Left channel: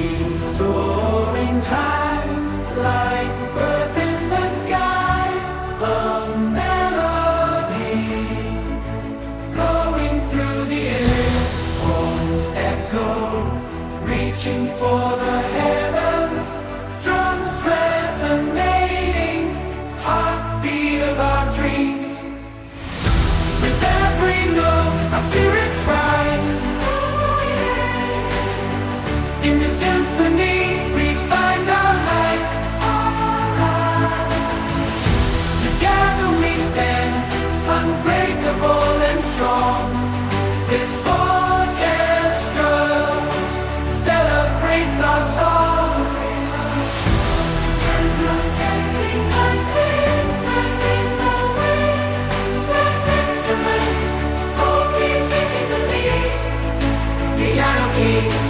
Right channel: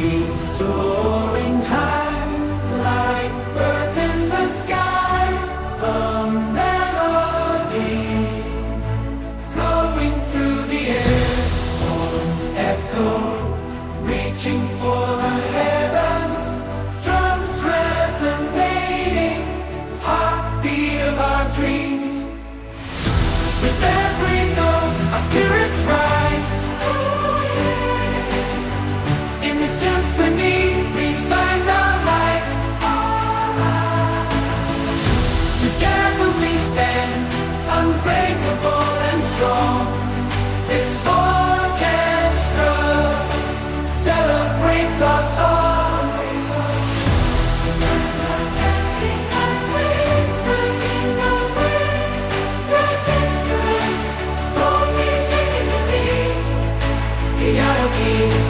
dreams soaring high like birds in the sky. A melody flowing through the air. Horns echo, reaching for the heavens. Drums resonating, heartbeat of our dreams. With every note, our spirits rise. In the symphony, we find our light. Together we stand, unbreakable and strong. This orchestra celebrates our song. Dancing like whispers in the wind. Brass instruments, boldly taking the lead. Piano keys.